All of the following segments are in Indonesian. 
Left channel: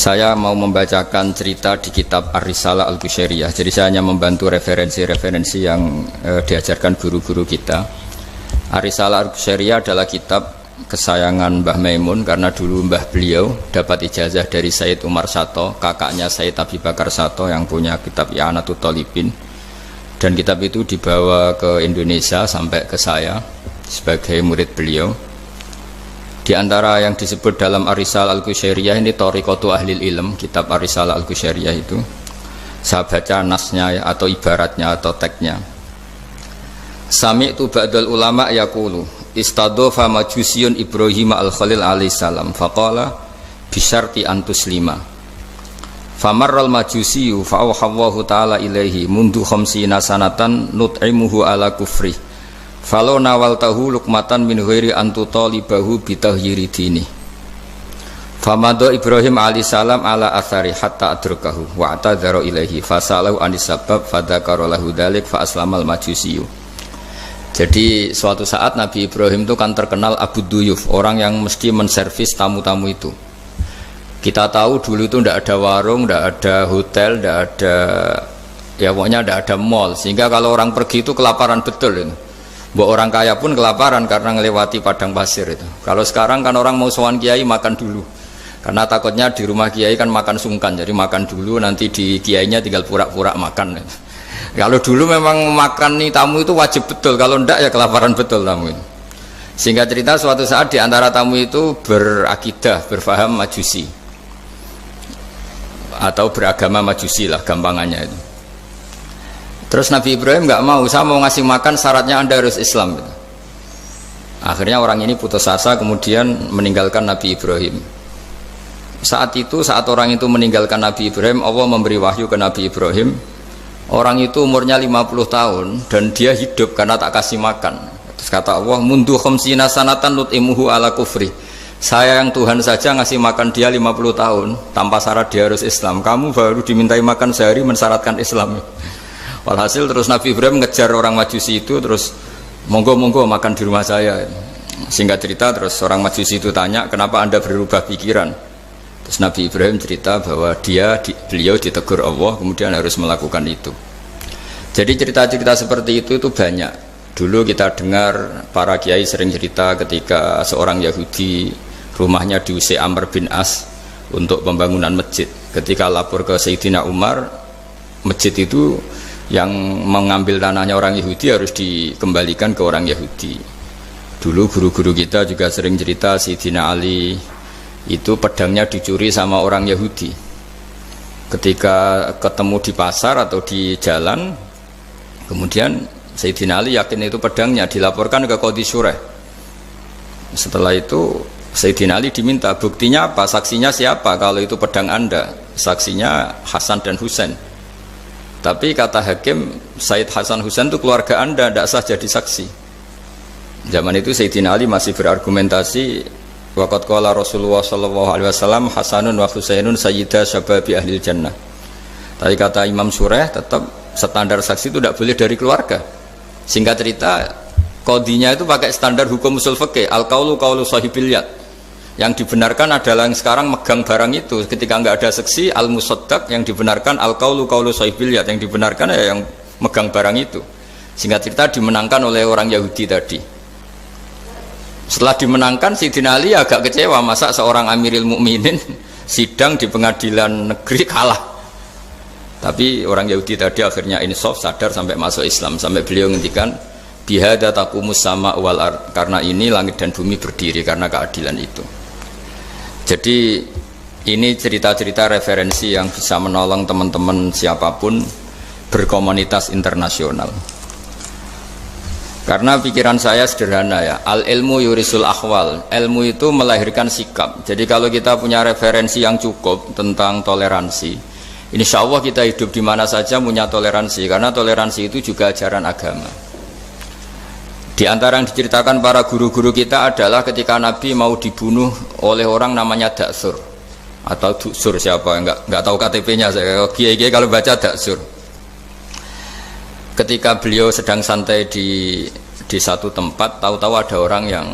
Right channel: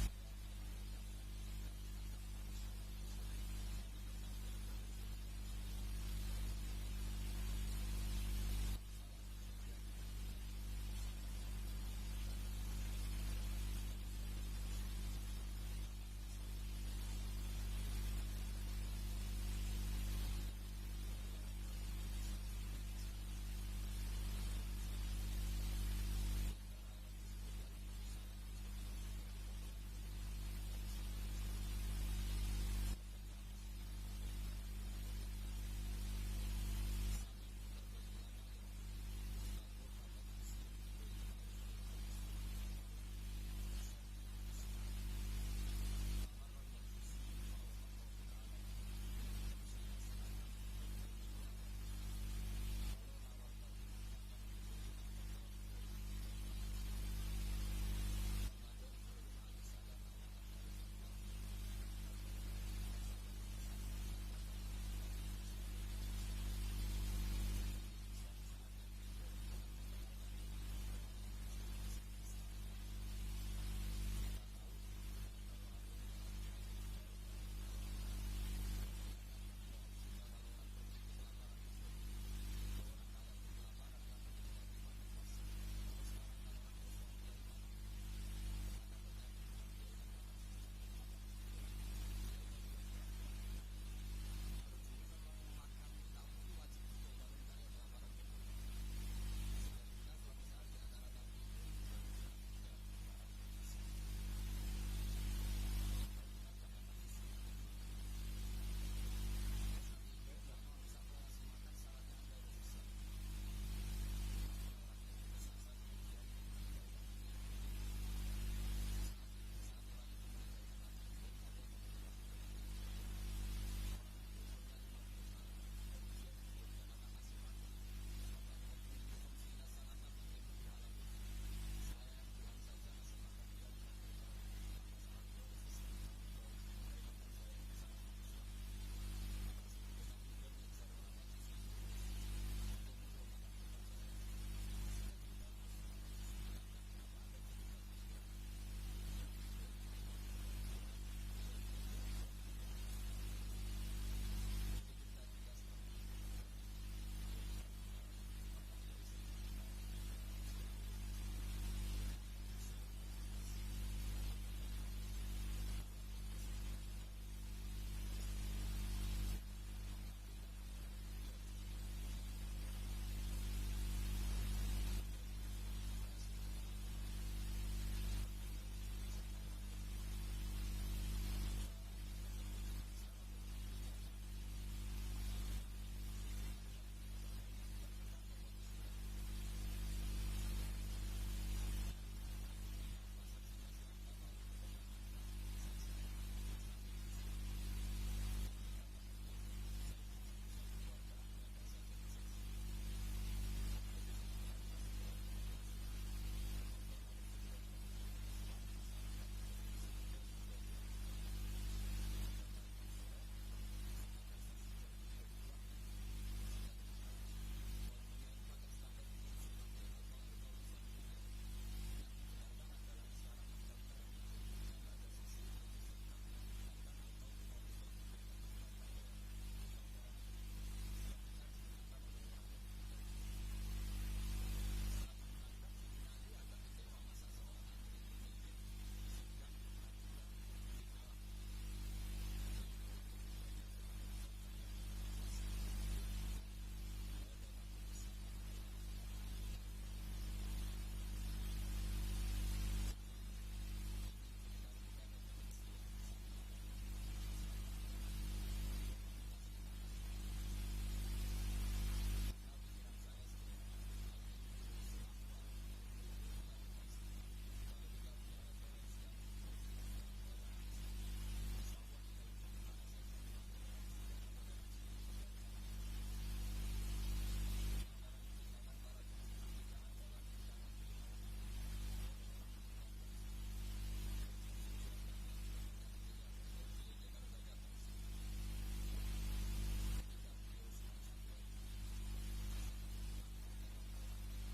Saya mau membacakan cerita di kitab Ar-Risalah Al-Qushairiyah. Jadi saya hanya membantu referensi-referensi yang diajarkan guru-guru kita. Ar-Risalah Al-Qushairiyah adalah kitab kesayangan Mbah Maimun karena dulu mbah beliau dapat ijazah dari Sayyid Umar Sato, kakaknya Sayyid Abi Bakar Sato yang punya kitab I'anatul Thalibin. Dan kitab itu dibawa ke Indonesia sampai ke saya sebagai murid beliau. Di antara yang disebut dalam Ar-Risalah Al-Qushairiyah ini Thariqatu Ahlil Ilm, kitab Ar-Risalah Al-Qushairiyah itu. Saya baca nasnya atau ibaratnya atau teksnya. Sami'tu ba'dal ulama yaqulu istadhafa majusiyun Ibrahim al-Khalil alaihi salam faqala bisyarti antuslima. Famarral majusiyu fa'awhallahu ta'ala ilaihi mundu khamsina sanatan nut'imuhu ala kufri. Falau nawaltahu lukmatan min ghairi antu talibahu bitahyiri dini. Famado Ibrahim alaihissalam ala athari hatta adrakahu wa atadhara ilaihi fasalahu anis sabab fadhakara lahu dzalik fa aslamal majusiyu. Jadi suatu saat Nabi Ibrahim itu kan terkenal Abu Duyuf, orang yang mesti menservis tamu-tamu itu. Kita tahu dulu itu tidak ada warung, tidak ada hotel, tidak ada, ya pokoknya tidak ada mall, sehingga kalau orang pergi itu kelaparan betul itu. Mbok orang kaya pun kelaparan karena melewati padang pasir itu. Kalau sekarang kan orang mau sowan kiai makan dulu. Karena takutnya di rumah kiai kan makan sungkan, jadi makan dulu nanti di kiainya tinggal pura-pura makan. Kalau dulu memang makan nih tamu itu wajib betul, kalau ndak ya kelaparan betul tamu itu. Sehingga cerita suatu saat di antara tamu itu berakidah, berfaham Majusi. Atau beragama Majusi lah gampangannya itu. Terus Nabi Ibrahim nggak mau, saya mau ngasih makan syaratnya Anda harus Islam gitu. Akhirnya orang ini putus asa kemudian meninggalkan Nabi Ibrahim. Saat orang itu meninggalkan Nabi Ibrahim, Allah memberi wahyu ke Nabi Ibrahim. Orang itu umurnya 50 tahun dan dia hidup karena tak kasih makan. Terus kata Allah, mundu khamsina sanatan nut'imuhu ala kufri. Saya yang Tuhan saja ngasih makan dia 50 tahun tanpa syarat dia harus Islam. Kamu baru dimintai makan sehari mensyaratkan Islam. Walhasil terus Nabi Ibrahim ngejar orang Majusi itu, terus monggo-monggo makan di rumah saya. Singkat cerita terus orang Majusi itu tanya, kenapa Anda berubah pikiran? Terus Nabi Ibrahim cerita bahwa beliau ditegur Allah kemudian harus melakukan itu. Jadi cerita-cerita seperti itu banyak. Dulu kita dengar para kiai sering cerita ketika seorang Yahudi rumahnya diusir Amr bin As untuk pembangunan masjid. Ketika lapor ke Sayyidina Umar, masjid itu yang mengambil tanahnya orang Yahudi harus dikembalikan ke orang Yahudi. Dulu guru-guru kita juga sering cerita Sayyidina Ali itu pedangnya dicuri sama orang Yahudi. Ketika ketemu di pasar atau di jalan, kemudian Sayyidina Ali yakin itu pedangnya, dilaporkan ke Qadhi Syureh. Setelah itu Sayyidina Ali diminta, buktinya apa? Saksinya siapa? Kalau itu pedang Anda, saksinya Hasan dan Husain. Tapi kata hakim, Sayyid Hasan Husain itu keluarga Anda, tidak sah jadi saksi. Zaman itu Sayyidina Ali masih berargumentasi, waqad qala Rasulullah sallallahu alaihi wasallam Hasanun wa Husainun sayyida syababi ahlil jannah. Tapi kata Imam Sureh, tetap standar saksi itu tidak boleh dari keluarga. Singkat cerita, qadhinya itu pakai standar hukum usul fikih, al-qaulu qaulu sahibil yad. Yang dibenarkan adalah yang sekarang megang barang itu. Ketika nggak ada saksi, al-musaddaq, yang dibenarkan al-qaulu qaulu sahibil yad, yang dibenarkan ya yang megang barang itu. Singkat cerita dimenangkan oleh orang Yahudi tadi. Setelah dimenangkan, Sayyidina Ali agak kecewa, masa seorang Amirul Mukminin sidang di pengadilan negeri kalah. Tapi orang Yahudi tadi akhirnya insaf, sadar sampai masuk Islam, sampai beliau ngendikan bihadza taqumus sama wal ard, karena ini langit dan bumi berdiri karena keadilan itu. Jadi ini cerita-cerita referensi yang bisa menolong teman-teman siapapun berkomunitas internasional. Karena pikiran saya sederhana ya, al ilmu yurisul akhwal, ilmu itu melahirkan sikap. Jadi kalau kita punya referensi yang cukup tentang toleransi, insya Allah kita hidup di mana saja punya toleransi, karena toleransi itu juga ajaran agama. Di antara yang diceritakan para guru-guru kita adalah ketika Nabi mau dibunuh oleh orang namanya Daksur atau Duksur, siapa enggak tahu KTP-nya saya. Kiai-kiai kalau baca Daksur. Ketika beliau sedang santai di satu tempat, tahu-tahu ada orang yang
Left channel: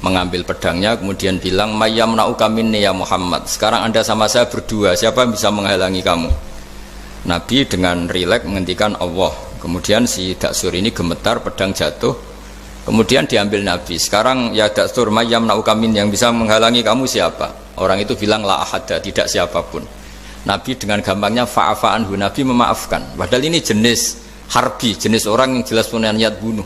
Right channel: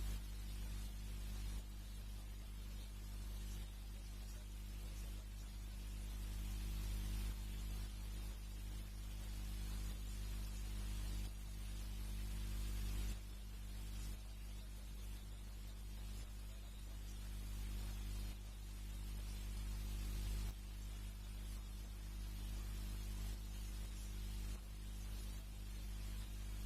mengambil pedangnya kemudian bilang mayyamna'uka minni ya Muhammad, sekarang Anda sama saya berdua, siapa yang bisa menghalangi kamu? Nabi dengan rileks menghentikan Allah. Kemudian si Daksur ini gemetar, pedang jatuh, kemudian diambil Nabi. Sekarang ya Daksur mayyamna'uka minni, yang bisa menghalangi kamu siapa? Orang itu bilang la ahada, tidak siapapun. Nabi dengan gampangnya fa'afa anhu, Nabi memaafkan. Padahal ini jenis harbi, jenis orang yang jelas punya niat bunuh.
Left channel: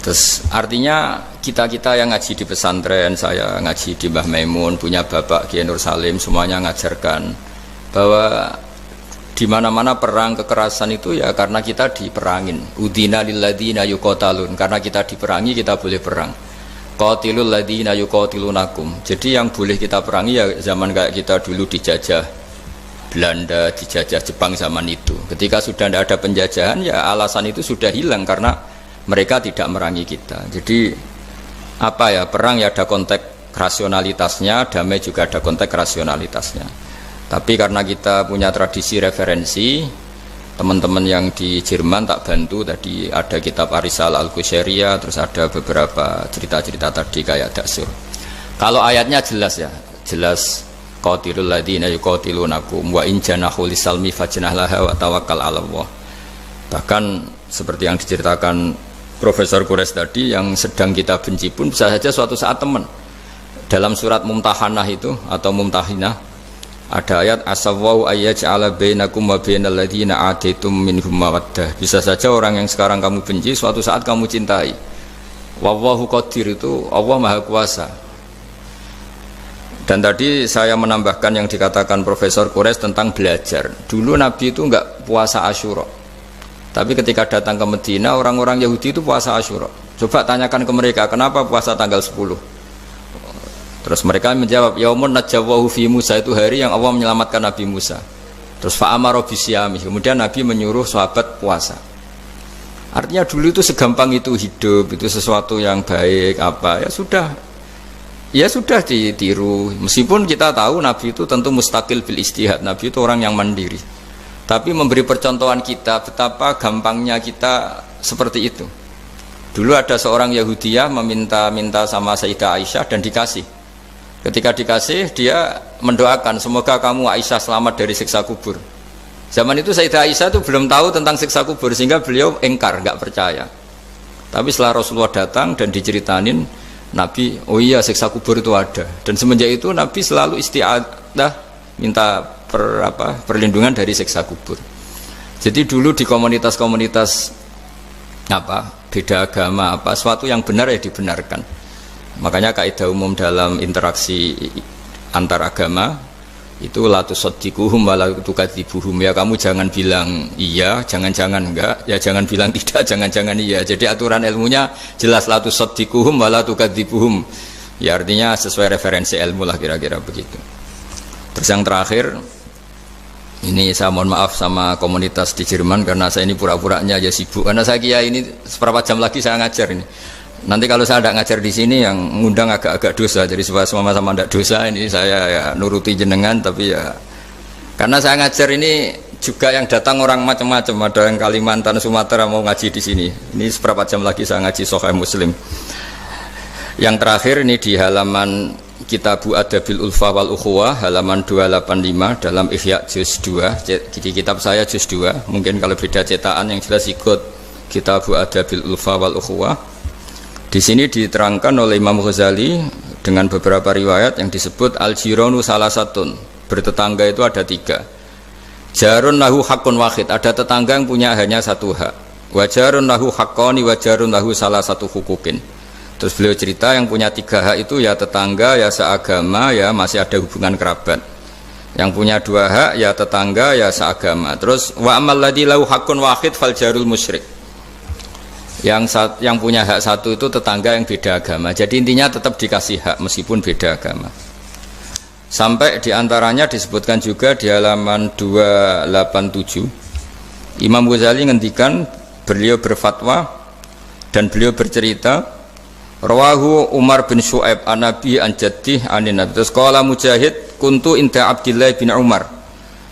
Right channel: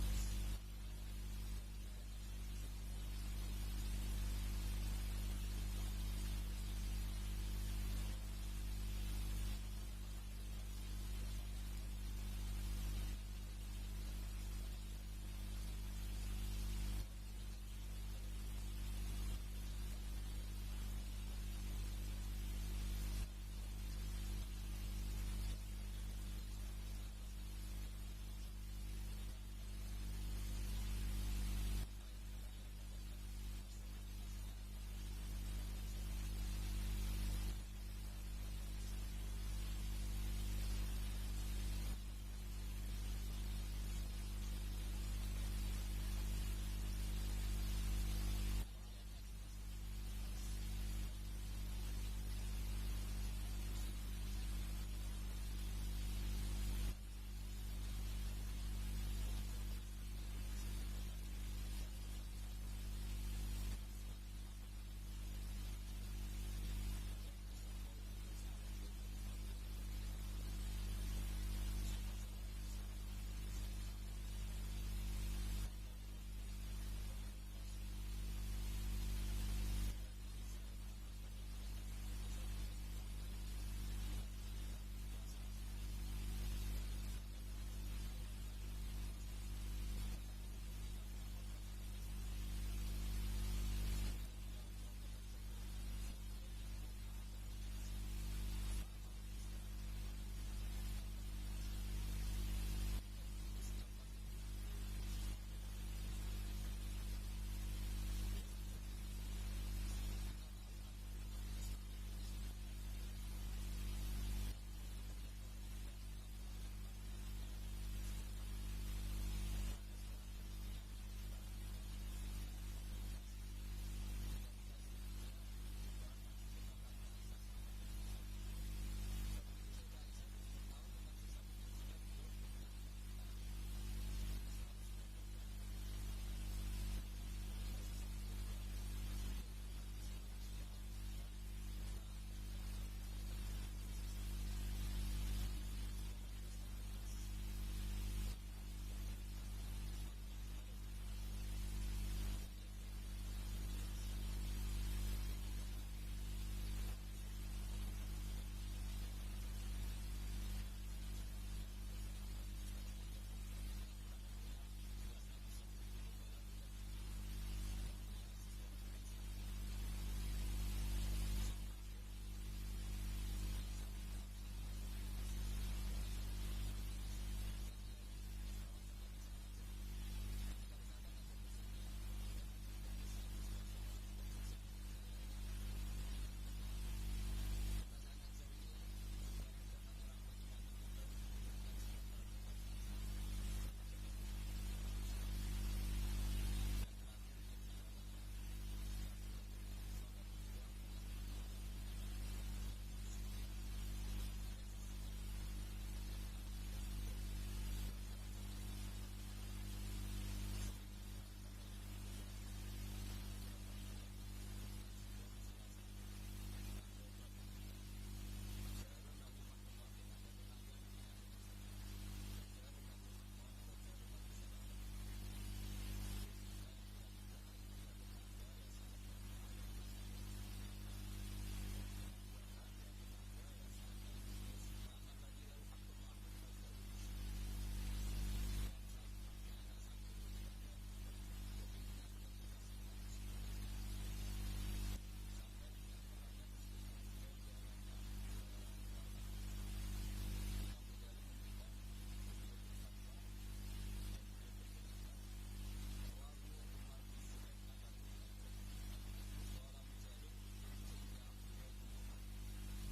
Terus artinya kita-kita yang ngaji di pesantren, saya ngaji di Mbah Maimun, punya Bapak Kiai Nur Salim, semuanya ngajarkan bahwa di mana-mana perang kekerasan itu ya karena kita diperangin. Udina lilladzina yuqatalun, karena kita diperangi kita boleh perang. Qatilul ladzina yuqatilunakum. Jadi yang boleh kita perangi ya zaman kayak kita dulu dijajah Belanda, dijajah Jepang zaman itu. Ketika sudah tidak ada penjajahan ya alasan itu sudah hilang karena mereka tidak merangi kita. Jadi apa ya, perang ya ada konteks rasionalitasnya, damai juga ada konteks rasionalitasnya. Tapi karena kita punya tradisi referensi, teman-teman yang di Jerman tak bantu, tadi ada kitab Arisal Al-Qushairiyah, terus ada beberapa cerita-cerita tadi kayak Daksur. Kalau ayatnya jelas ya, jelas qatilul ladzina yuqatilunakum wa in janahu lisalmi fajnah laha wa tawakkal 'ala Allah. Bahkan seperti yang diceritakan Profesor Quraisy tadi, yang sedang kita benci pun bisa saja suatu saat teman. Dalam surat Mumtahanah itu atau Mumtahinah ada ayat asawwau ayyaj'ala bainakum wa bainal ladzina ataitum minhum mawaddah. Bisa saja orang yang sekarang kamu benci suatu saat kamu cintai. Wallahu qadir, itu Allah Maha Kuasa. Dan tadi saya menambahkan yang dikatakan Profesor Quraisy tentang belajar. Dulu Nabi itu enggak puasa Asyura. Tapi ketika datang ke Medina, orang-orang Yahudi itu puasa Asyura. Coba tanyakan ke mereka, kenapa puasa tanggal 10? Terus mereka menjawab, yaumun najawwahu fi Musa, itu hari yang Allah menyelamatkan Nabi Musa. Terus fa'amara bisyami, kemudian Nabi menyuruh sahabat puasa. Artinya dulu itu segampang itu hidup, itu sesuatu yang baik apa, ya sudah ditiru. Meskipun kita tahu Nabi itu tentu mustaqil bil istihad, Nabi itu orang yang mandiri. Tapi memberi percontohan kita betapa gampangnya kita seperti itu. Dulu ada seorang Yahudiyah meminta sama Sayyidah Aisyah dan dikasih. Ketika dikasih dia mendoakan semoga kamu Aisyah selamat dari siksa kubur. Zaman itu Sayyidah Aisyah itu belum tahu tentang siksa kubur sehingga beliau engkar, enggak percaya. Tapi setelah Rasulullah datang dan diceritanin Nabi, oh iya siksa kubur itu ada. Dan semenjak itu Nabi selalu isti'adah minta perlindungan dari siksa kubur. Jadi dulu di komunitas-komunitas beda agama suatu yang benar ya dibenarkan. Makanya kaidah umum dalam interaksi antar agama itu la tusaddiquhum wa la tukadzibuhum, ya kamu jangan bilang iya, jangan-jangan enggak, ya jangan bilang tidak, jangan-jangan iya. Jadi aturan ilmunya jelas la tusaddiquhum wa la tukadzibuhum. Ya artinya sesuai referensi ilmu lah kira-kira begitu. Terus yang terakhir, ini saya mohon maaf sama komunitas di Jerman karena saya ini pura-puranya aja sibuk. Karena saya kira ini seberapa jam lagi saya ngajar ini. Nanti kalau saya tidak ngajar di sini yang ngundang agak-agak dosa. Jadi supaya sama-sama tidak dosa, ini saya ya nuruti jenengan. Tapi ya karena saya ngajar ini juga yang datang orang macam-macam. Ada yang Kalimantan, Sumatera mau ngaji di sini. Ini seberapa jam lagi saya ngaji Sahih Muslim. Yang terakhir ini di halaman Kitabu Adabil Ulfa wal Ukhuwah halaman 285 dalam Ihya juz 2. Di kitab saya juz 2. Mungkin kalau beda cetakan yang jelas ikut Kitabu Adabil Ulfa wal Ukhuwah. Di sini diterangkan oleh Imam Ghazali dengan beberapa riwayat yang disebut al-jiranu salasatun. Bertetangga itu ada 3. Jarun lahu hakun wahid, ada tetangga yang punya hanya satu hak. Wa jarun lahu haqqani wa jarun lahu salasatu hukukin. Terus beliau cerita yang punya 3 hak itu ya tetangga, ya seagama, ya masih ada hubungan kerabat. Yang punya 2 hak ya tetangga, ya seagama. Terus wa amal ladzi lahu haqqun wahid fal jarul musyrik. Yang punya hak 1 itu tetangga yang beda agama. Jadi intinya tetap dikasih hak meskipun beda agama. Sampai diantaranya disebutkan juga di halaman 287. Imam Ghazali ngendikan, beliau berfatwa dan beliau bercerita, rawahu Umar bin Syu'aib an Nabi an Jaddih anin Nabi. Terus qala Mujahid kuntu inda Abdillah bin Umar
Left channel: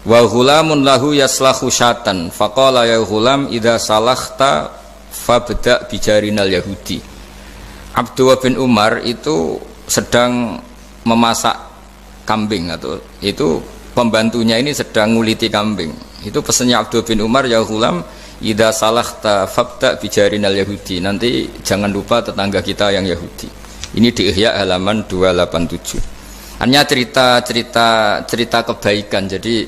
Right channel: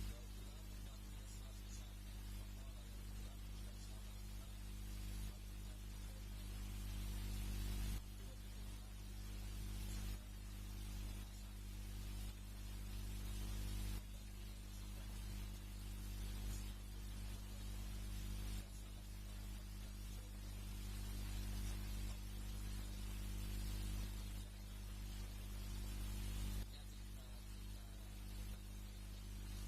wa ghulamun lahu yaslahu syatan faqala ya ghulam idza salakhta fabda bijarinal yahudi. Abdullah bin Umar itu sedang memasak kambing, atau itu pembantunya ini sedang nguliti kambing. Itu pesannya Abdullah bin Umar, ya ghulam idza salahta fabda bijarinal yahudi, nanti jangan lupa tetangga kita yang Yahudi. Ini di Ihya halaman 287. Hanya cerita kebaikan. Jadi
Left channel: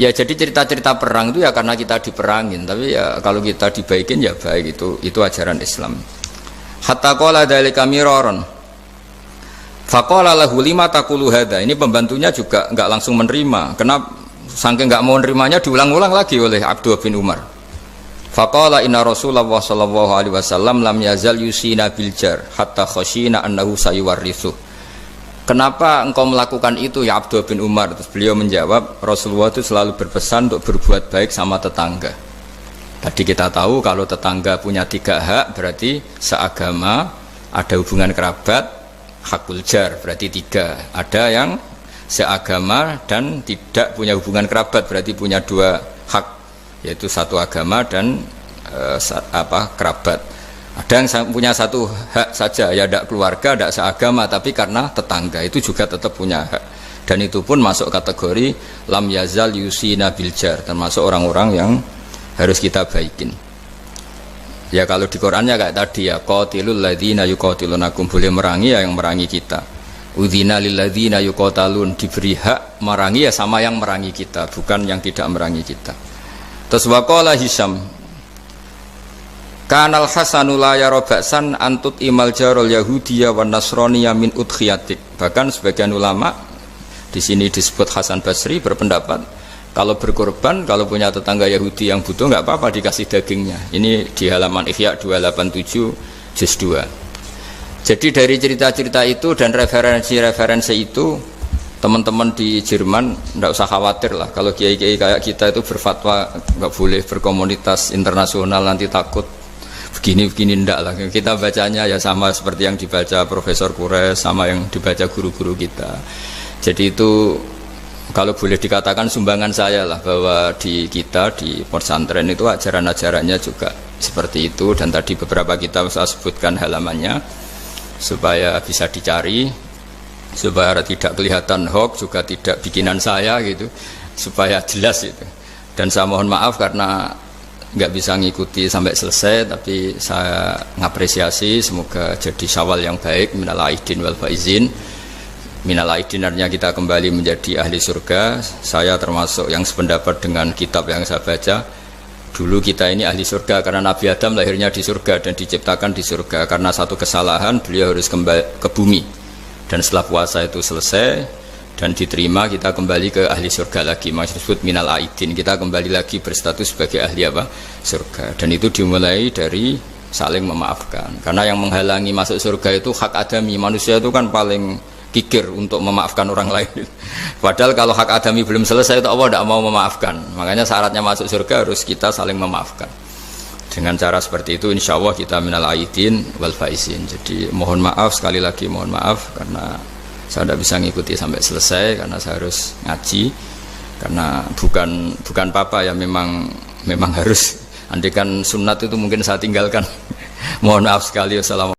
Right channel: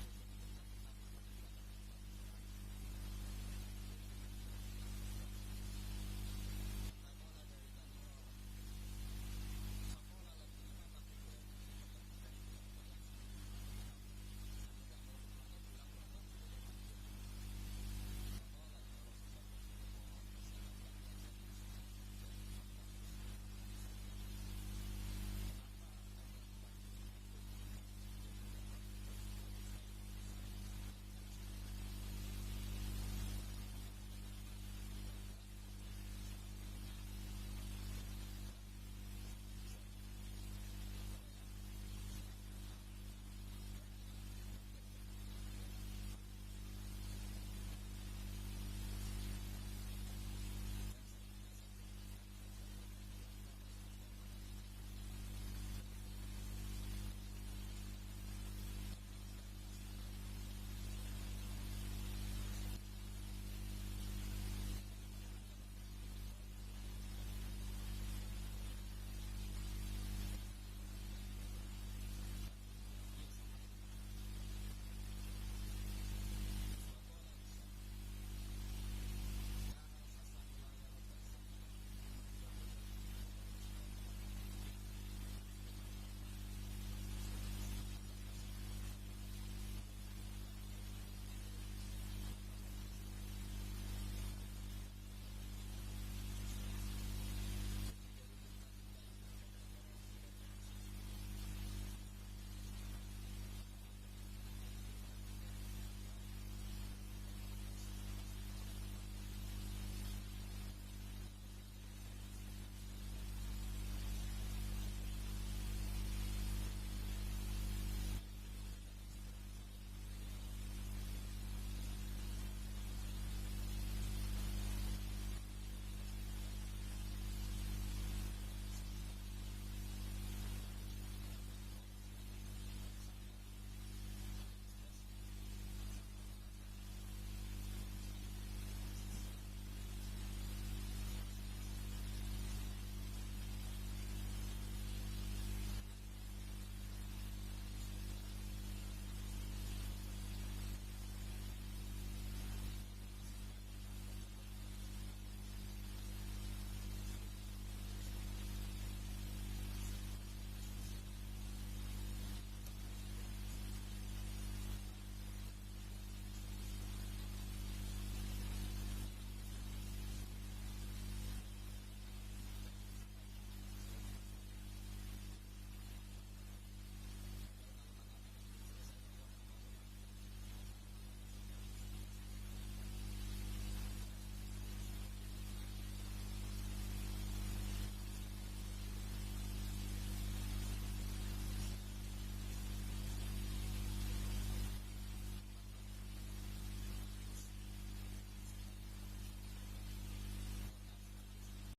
cerita-cerita perang itu ya karena kita diperangin, tapi ya kalau kita dibaikin ya baik, itu ajaran Islam. Hatta qala dzalika miraron. Faqala lahu lima taqulu hadza. Ini pembantunya juga enggak langsung menerima. Karena saking enggak mau nerimanya diulang-ulang lagi oleh Abdullah bin Umar. Faqala inna Rasulullah sallallahu alaihi wasallam lam yazal yusina bil jar hatta khashina annahu sayuwarrithu. Kenapa engkau melakukan itu ya Abdullah bin Umar? Terus beliau menjawab, Rasulullah itu selalu berpesan untuk berbuat baik sama tetangga. Tadi kita tahu kalau tetangga punya 3 hak, berarti seagama, ada hubungan kerabat, hakul jar, berarti 3. Ada yang seagama dan tidak punya hubungan kerabat, berarti punya 2 hak, yaitu satu agama dan kerabat. Ada yang punya 1 hak saja, ya tidak keluarga, tidak seagama, tapi karena tetangga, itu juga tetap punya hak. Dan itu pun masuk kategori lam yazal yusina bil jar, termasuk orang-orang yang harus kita baikin. Ya kalau di Qur'annya kayak tadi ya, qatilul ladzina yuqatilunakum, boleh merangi ya yang merangi kita. Udzina lil ladzina yuqatalun, diberi hak merangi ya sama yang merangi kita, bukan yang tidak merangi kita. Terus waqala Hisam, kanal hasanu la yara ba'san antut imal jarul yahudiyya wan nasraniyya min udkhiyatik. Bahkan sebagian ulama di sini disebut Hasan Basri berpendapat kalau berkorban, kalau punya tetangga Yahudi yang butuh nggak apa-apa dikasih dagingnya. Ini di halaman Ihya 287 juz 2. Jadi dari cerita-cerita itu dan referensi-referensi itu, teman-teman di Jerman nggak usah khawatir lah. Kalau kiai-kiai kayak kita itu berfatwa nggak boleh berkomunitas internasional, nanti takut begini-begini, ndak lah. Kita bacanya ya sama seperti yang dibaca Profesor Kures, sama yang dibaca guru-guru kita. Jadi itu kalau boleh dikatakan sumbangan saya lah, bahwa di kita di pesantren itu ajaran-ajarannya juga seperti itu. Dan tadi beberapa kita saya sebutkan halamannya supaya bisa dicari, supaya tidak kelihatan hoax, juga tidak bikinan saya gitu, supaya jelas itu. Dan saya mohon maaf karena nggak bisa ngikuti sampai selesai, tapi saya ngapresiasi, semoga jadi syawal yang baik, minal aidin wal faizin. Minal aidin artinya kita kembali menjadi ahli surga. Saya termasuk yang sependapat dengan kitab yang saya baca. Dulu kita ini ahli surga karena Nabi Adam lahirnya di surga dan diciptakan di surga. Karena satu kesalahan beliau harus kembali ke bumi. Dan setelah puasa itu selesai dan diterima, kita kembali ke ahli surga lagi. Maksudnya disebut minal aidin, kita kembali lagi berstatus sebagai ahli apa? Surga. Dan itu dimulai dari saling memaafkan. Karena yang menghalangi masuk surga itu hak adami. Manusia itu kan paling kikir untuk memaafkan orang lain. Padahal kalau hak adami belum selesai itu Allah tidak mau memaafkan. Makanya syaratnya masuk surga harus kita saling memaafkan. Dengan cara seperti itu insya Allah kita minal aidin wal faizin. Jadi mohon maaf, sekali lagi mohon maaf karena saya tidak bisa ngikuti sampai selesai karena saya harus ngaji. Karena bukan papa ya, memang harus. Andaikan sunat itu mungkin saya tinggalkan. Mohon maaf sekali. Wassalamualaikum.